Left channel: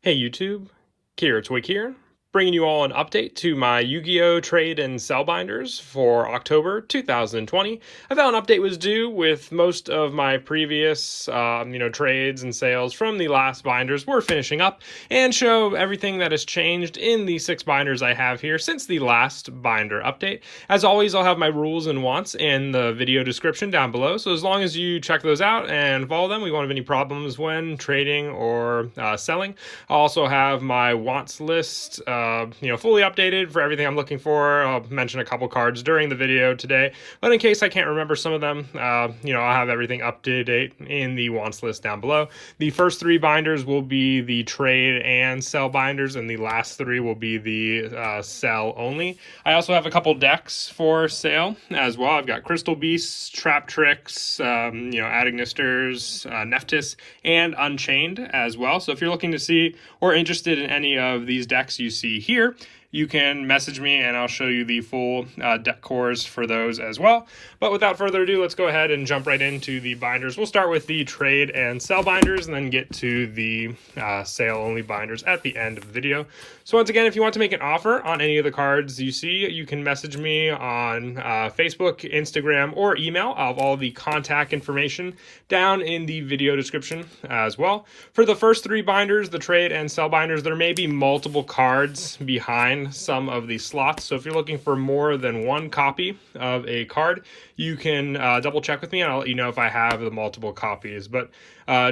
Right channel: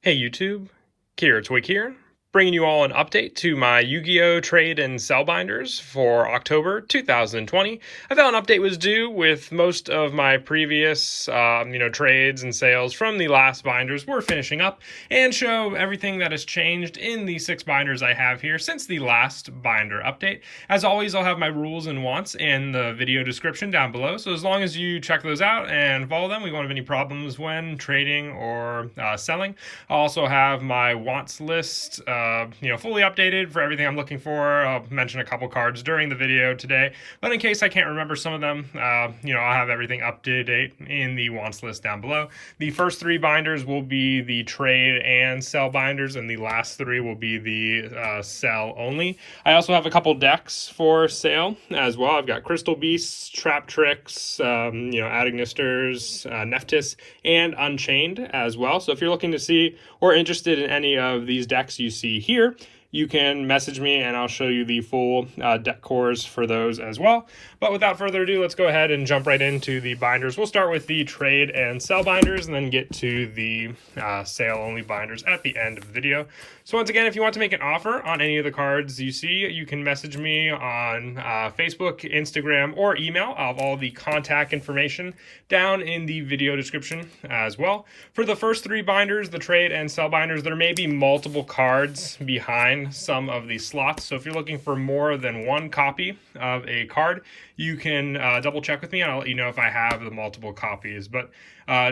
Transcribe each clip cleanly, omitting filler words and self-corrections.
Hey YouTube, Kira Twig here, bringing you all an update to my Yu-Gi-Oh! Trade and sell binders for October 2020. I found an update was due with most of my previous, trades and sales from the last binders were finishing up and show everything that has changed in the 6 binders I have here since the last binder update. As always, I'll have my rules and wants in the video description down below, so as long as you check those out and follow them, we won't have any problems when trading or selling. I'll also have my wants list, fully updated for everything I'm looking for. I'll mention a couple cards during the video today, but in case I can't remember some of them, I'll have everything up to date in the wants list down below. The first 3 binders will be the trade and sell binders, and the last 3 will be the sell only. I also have a couple decks for sale as well. I've got Crystal Beasts, Trap Tricks, Adignisters, Neftis, and Unchained as well. So if you're looking to see or interested in any of these decks you see here, you can message me and I'll show you the full deck cores for those as well. But without further ado, let's go ahead and jump right into the binders. We'll start with the trade and sell binders and then get to the sale only binders at the end of the video. So once again, if you want to make an offer on any of the cards you see, you can message me on Facebook, Instagram, or email. I'll have all the contact information down in the video description as well. For the first 3 binders, the trade and sell binders, there may be multiple cards behind some of the slots. So if you're looking for more than one copy of a card, you can double check with me and I'll let you know if I have the multiple copies. But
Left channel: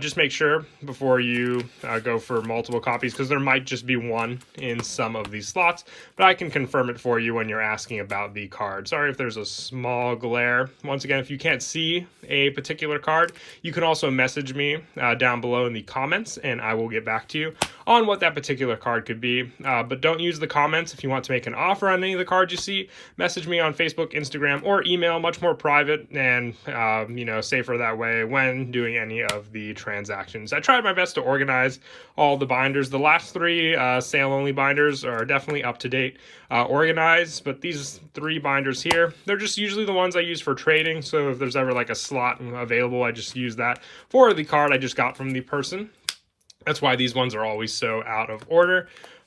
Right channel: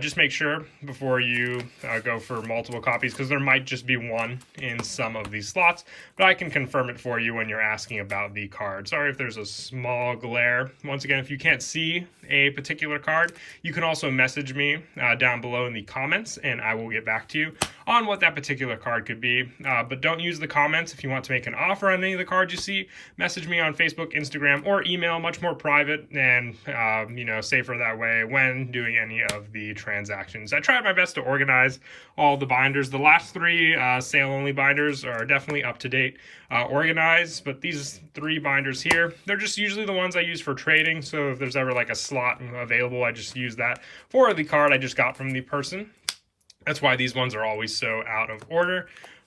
just make sure before you go for multiple copies, because there might just be one in some of these slots, but I can confirm it for you when you're asking about the card. Sorry if there's a small glare. Once again, if you can't see a particular card, you can also message me down below in the comments and I will get back to you on what that particular card could be. But don't use the comments if you want to make an offer on any of the cards you see. Message me on Facebook, Instagram, or email, much more private and safer that way when doing any of the transactions. I tried my best to organize all the binders. The last 3 sale only binders are definitely up to date, organized, but these 3 binders here, they're just usually the ones I use for trading. So if there's ever like a slot available, I just use that for the card I just got from the person. That's why these ones are always so out of order.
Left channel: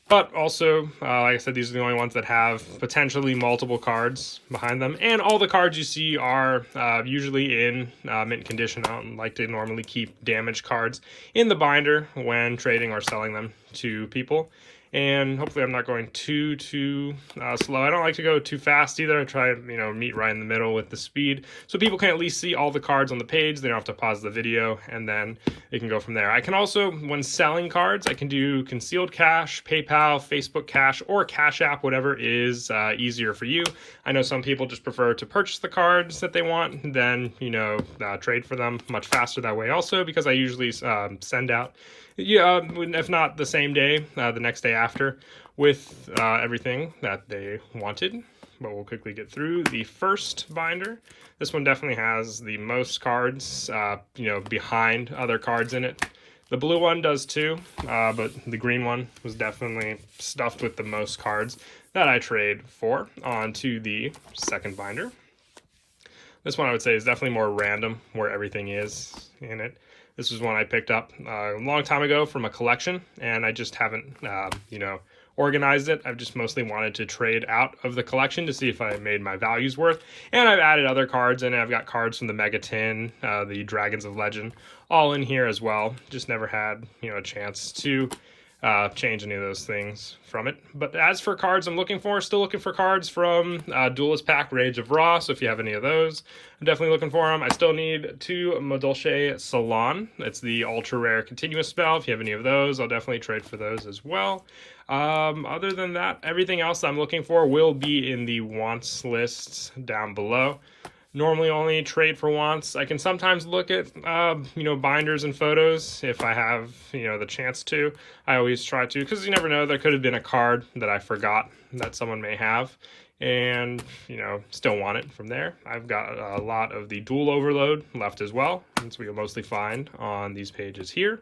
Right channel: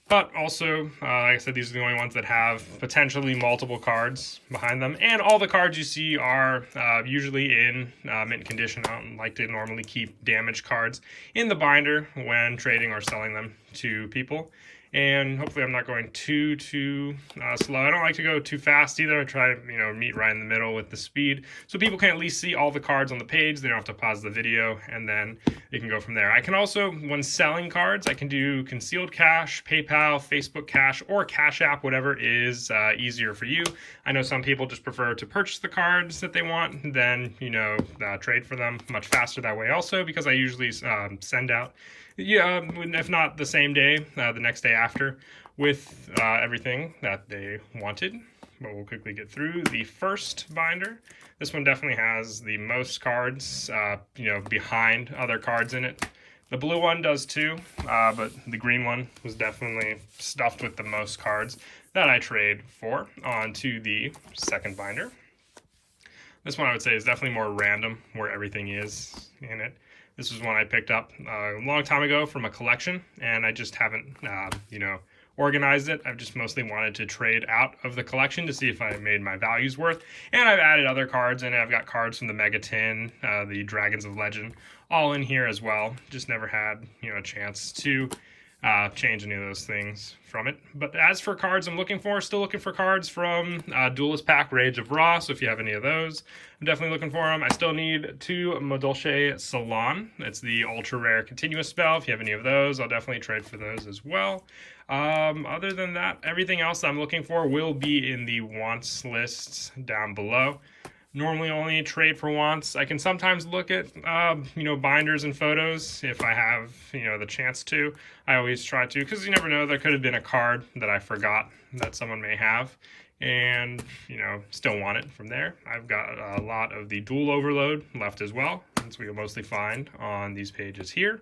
But also, like I said, these are the only ones that have potentially multiple cards behind them. And all the cards you see are usually in mint condition. I don't like to normally keep damaged cards in the binder when trading or selling them to people. And hopefully I'm not going too slow. I don't like to go too fast either. I try to meet right in the middle with the speed so people can at least see all the cards on the page. They don't have to pause the video and then they can go from there. I can also, when selling cards, I can do concealed cash, PayPal, Facebook Cash, or Cash App, whatever is easier for you. I know some people just prefer to purchase the cards that they want, then trade for them much faster that way also, because I usually send out, if not the same day, the next day after, with everything that they wanted. But we'll quickly get through the first binder. This one definitely has the most cards, behind other cards in it. The blue one does too, but the green one was definitely stuffed with the most cards that I trade for. On to the second binder. This one I would say is definitely more random where everything is in it. This was one I picked up a long time ago from a collection, and I just haven't, organized it. I've just mostly wanted to trade out of the collection to see if I made my values worth. And I've added other cards in it. I've got cards from the Mega Tin, the Dragons of Legend, all in here as well. Just never had, a chance to change any of those things from it. But as for cards I'm looking for, still looking for cards from Duelist Pack Rage of Ra, so if you have any of those, I'm definitely looking for them. I still need 2 Madolche Salon. It's the ultra rare continuous spell. If you have any of those, I'll definitely trade for those as well. Other than that, everything else I'm looking for will be in the wants list down below. Normally only trade for wants. I can sometimes look at, binders and photos if I have, the chance to. I always try to, because you never know, there could have been a card that I forgot that someone may have and, still want it from there. I've got a lot of the Dual Overload left as well, since we will mostly find on these pages here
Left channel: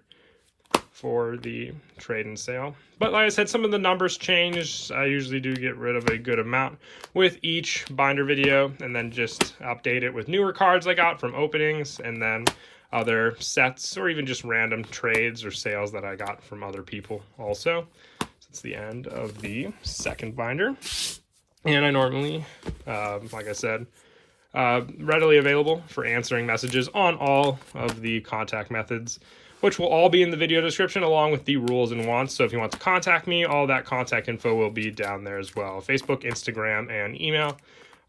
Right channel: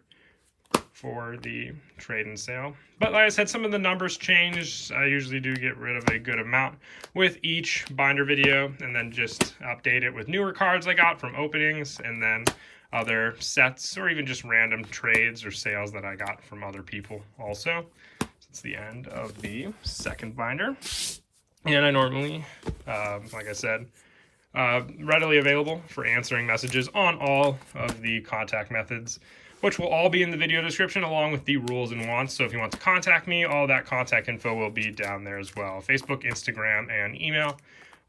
for the trade and sale. But like I said, some of the numbers changed. I usually do get rid of a good amount with each binder video and then just update it with newer cards I got from openings and then other sets or even just random trades or sales that I got from other people also. It's the end of the second binder. And I normally, like I said, readily available for answering messages on all of the contact methods, which will all be in the video description along with the rules and wants. So if you want to contact me, all that contact info will be down there as well. Facebook, Instagram, and email.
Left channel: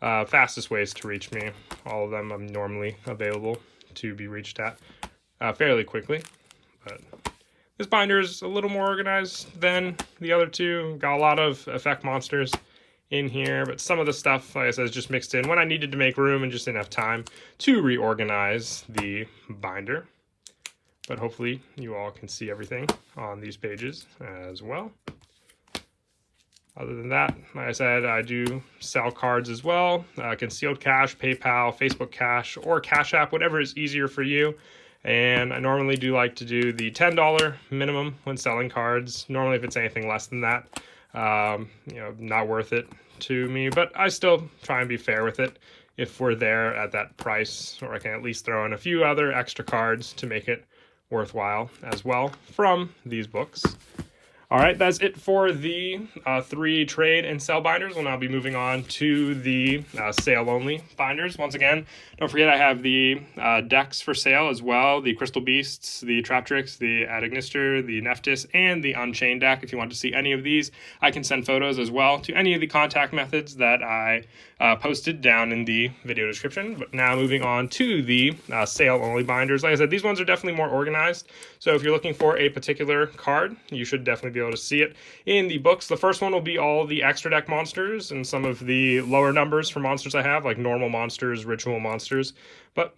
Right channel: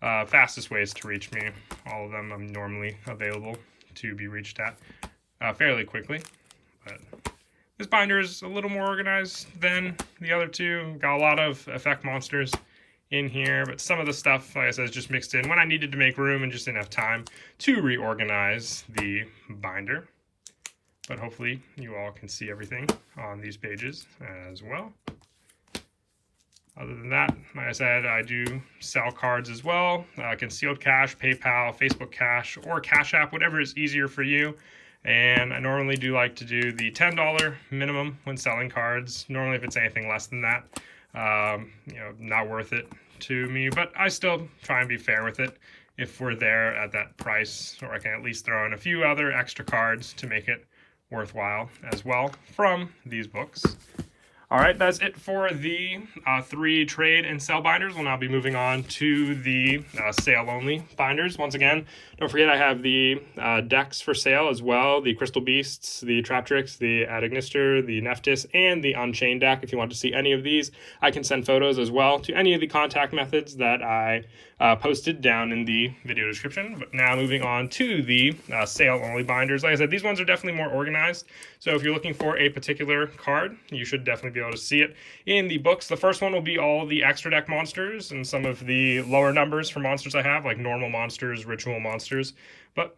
Fastest ways to reach me. All of them I'm normally available to be reached at fairly quickly. But this binder is a little more organized than the other two. Got a lot of effect monsters in here, but some of the stuff, like I said, is just mixed in when I needed to make room and just didn't have time to reorganize the binder. But hopefully you all can see everything on these pages as well. Other than that, like I said, I do sell cards as well. Concealed Cash, PayPal, Facebook Cash, or Cash App, whatever is easier for you. And I normally do like to do the $10 minimum when selling cards. Normally if it's anything less than that, not worth it to me, but I still try and be fair with it if we're there at that price, or I can at least throw in a few other extra cards to make it worthwhile as well from these books. All right, that's it for the 3 trade and sell binders. We'll now be moving on to the sale-only binders. Once again, don't forget I have the decks for sale as well, the Crystal Beasts, the Traptrix, the Adagnister, the Nephthys, and the Unchained deck. If you want to see any of these, I can send photos as well to any of the contact methods that I posted down in the video description. But now moving on to the sale-only binders. Like I said, these ones are definitely more organized. So if you're looking for a particular card, you should definitely be able to see it in the books. The first one will be all the extra deck monsters and some of the lower numbers for monsters I have, like normal monsters, ritual monsters. But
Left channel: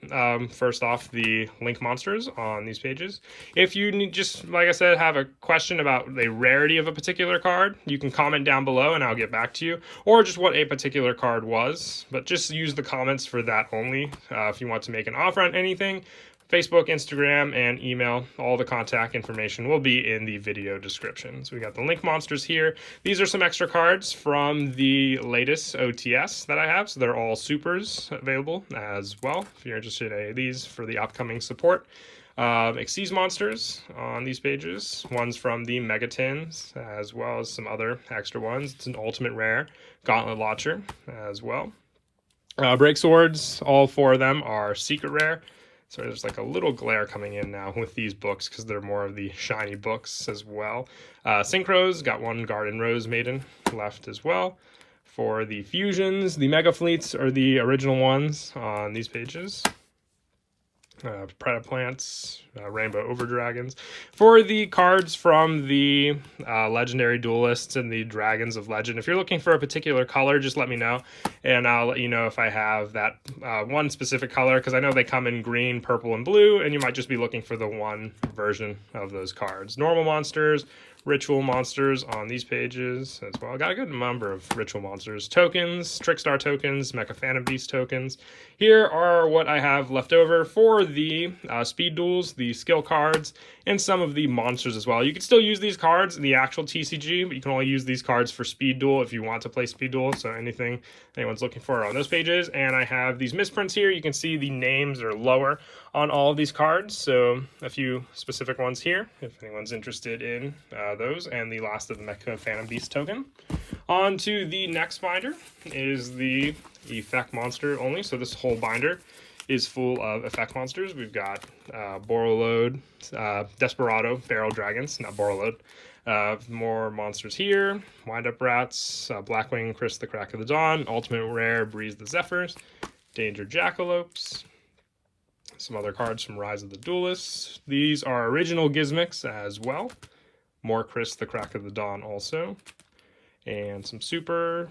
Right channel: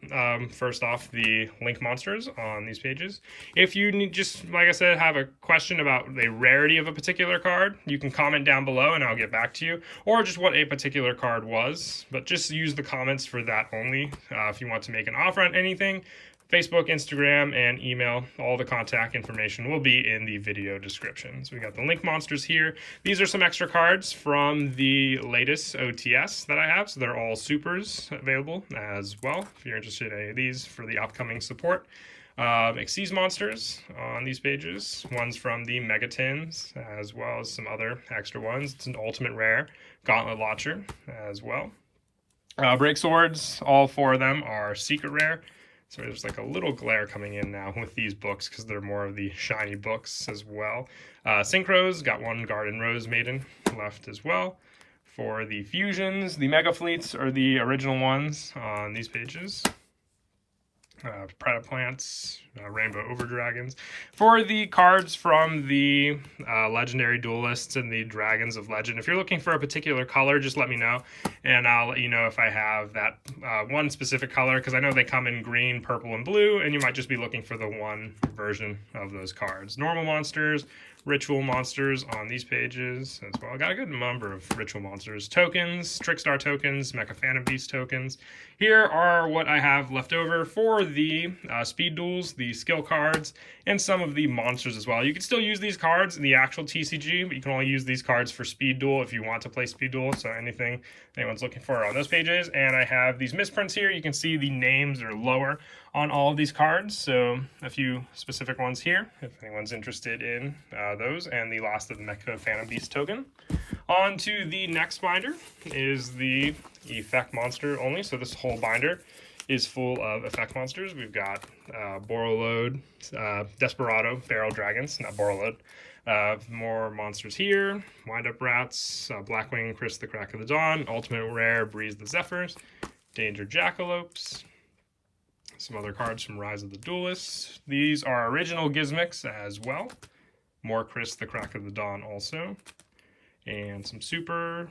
first off, the link monsters on these pages. If you need, just like I said, have a question about the rarity of a particular card, you can comment down below and I'll get back to you, or just what a particular card was. But just use the comments for that only. If you want to make an offer on anything, Facebook, Instagram, and email, all the contact information will be in the video description. So we got the link monsters here. These are some extra cards from the latest OTS that I have. So they're all supers available as well if you're interested in any of these for the upcoming support. Xyz monsters on these pages. One's from the Megatins as well as some other extra ones. It's an ultimate rare Gauntlet Launcher as well. Break swords, all 4 of them are secret rare. So there's like a little glare coming in now with these books because they're more of the shiny books as well. Synchros, got 1 Garden Rose Maiden left as well. For the fusions, the Mega Fleets are the original ones on these pages. Predaplants, Rainbow Overdragons. For the cards from the Legendary Duelists and the Dragons of Legend, if you're looking for a particular color, just let me know, and I'll let you know if I have that one specific color, because I know they come in green, purple, and blue, and you might just be looking for the one version of those cards. Normal monsters, ritual monsters on these pages as well. I got a good number of ritual monsters. Tokens, Trickstar tokens, Mecha Phantom Beast tokens. Here are what I have left over for the speed duels, the skill cards, and some of the monsters as well. You can still use these cards in the actual TCG, but you can only use these cards for speed duel if you want to play speed duel. So anything anyone's looking for on those pages. And I have these misprints here. You can see the names are lower on all of these cards. So a few specific ones here, if anyone's interested in those. And the last of the Mecha Phantom Beast token. On to the next binder is the effect monster only. So this whole binder is full of effect monsters. We've got Borreload, Desperado, Barrel Dragons, not Borreload. More monsters here. Wind-Up Rats, Blackwing, Chris the Crack of the Dawn, Ultimate Rare, Breeze the Zephyrs, Danger Jackalopes. Some other cards from Rise of the Duelists. These are original Gizmics as well. More Chris the Crack of the Dawn also. And some super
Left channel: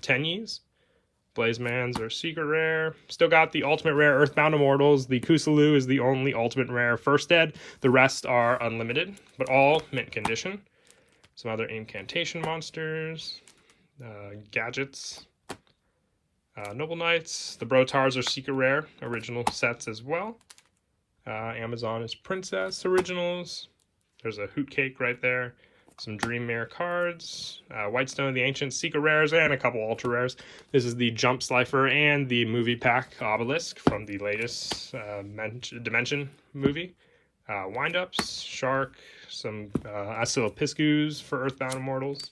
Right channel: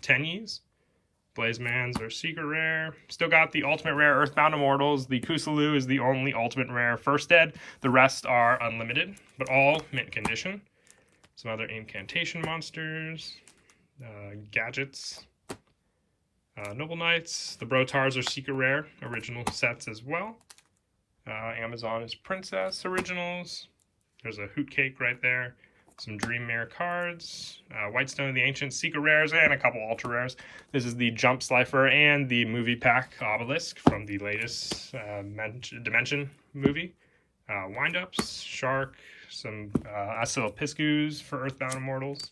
Tenyis. Blazemans are secret rare. Still got the ultimate rare Earthbound Immortals. The Kusalu is the only ultimate rare first ed. The rest are unlimited, but all mint condition. Some other incantation monsters. Gadgets. Noble Knights. The Brotars are secret rare. Original sets as well. Amazon is Princess originals. There's a Hoot Cake right there. Some Dream Mirror cards, Whitestone of the Ancient, Secret Rares, and a couple Ultra Rares. This is the Jump Slifer and the movie pack Obelisk from the latest Dimension movie. Wind-ups, Shark, some Piscus for Earthbound Immortals.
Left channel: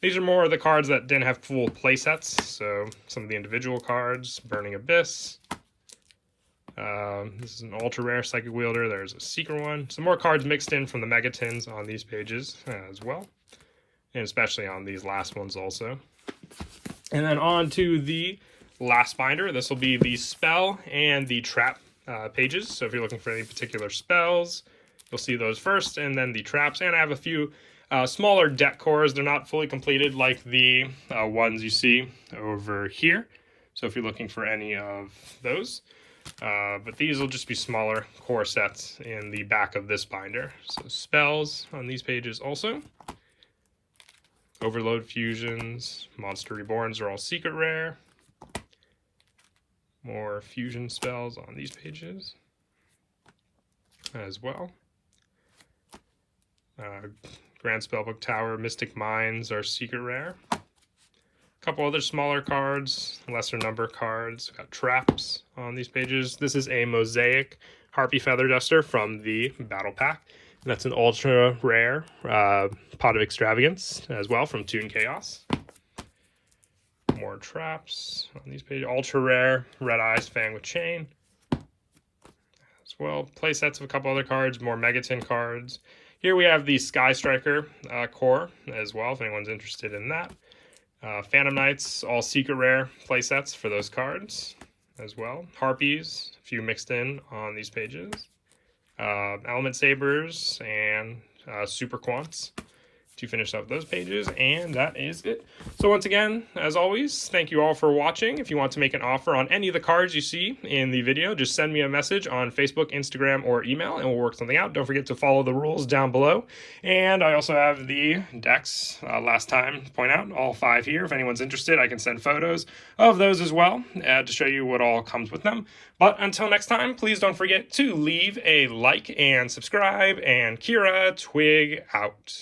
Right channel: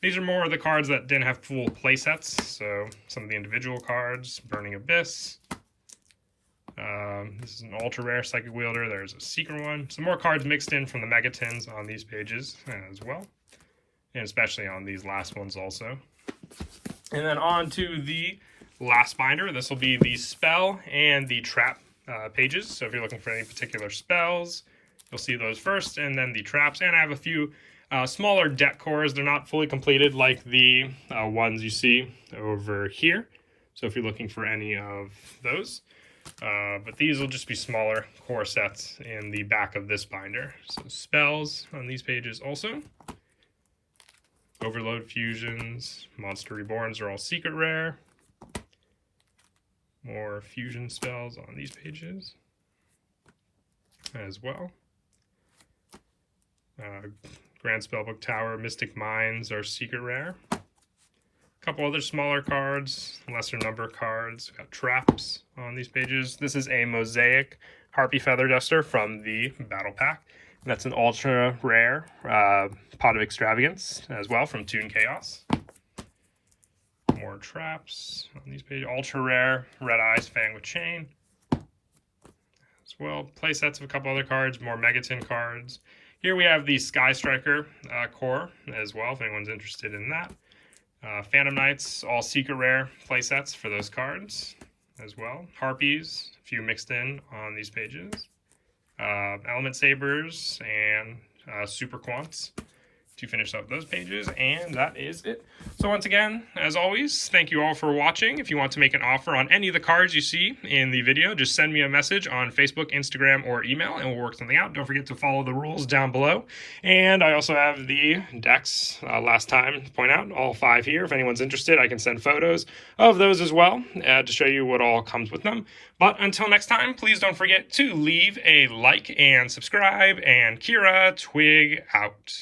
These are more of the cards that didn't have full play sets, so some of the individual cards, Burning Abyss. This is an ultra rare Psychic Wielder. There's a secret one. Some more cards mixed in from the Megatins on these pages as well, and especially on these last ones also. And then on to the last binder. This will be the spell and the trap pages. So if you're looking for any particular spells, you'll see those first, and then the traps. And I have a few smaller deck cores. They're not fully completed like the ones you see over here. So if you're looking for any of those. But these will just be smaller core sets in the back of this binder. So spells on these pages also. Overload Fusions, Monster Reborns are all secret rare. More fusion spells on these pages as well. Grand Spellbook Tower, Mystic Minds are secret rare. Couple other smaller cards, lesser number cards. We've got traps on these pages. This is a Mosaic Harpy Feather Duster from the Battle Pack. That's an ultra rare Pot of Extravagance as well from Toon Chaos. More traps on these pages. Ultra rare Red Eyes Fan with Chain. As well, play sets of a couple other cards, more Megatin cards. Here we have the Sky Striker core as well, if anyone's interested in that. Phantom Knights, all secret rare playsets for those cards as well. Harpies, a few mixed in on these pages. Element Sabers and Super Quants to finish up those pages, and that is it. So once again, as always, thank you all for watching. If you want to make an offer on any of the cards you see in the video, just send me a message on Facebook, Instagram, or email, and we'll work something out. Don't forget to follow the rules down below. And I also have the decks, last time to point out, all 5 here. If anyone's interested, I can send photos of those as well to show you what all comes with them. But until next time, please don't forget to leave a like and subscribe, and Kira Twig out.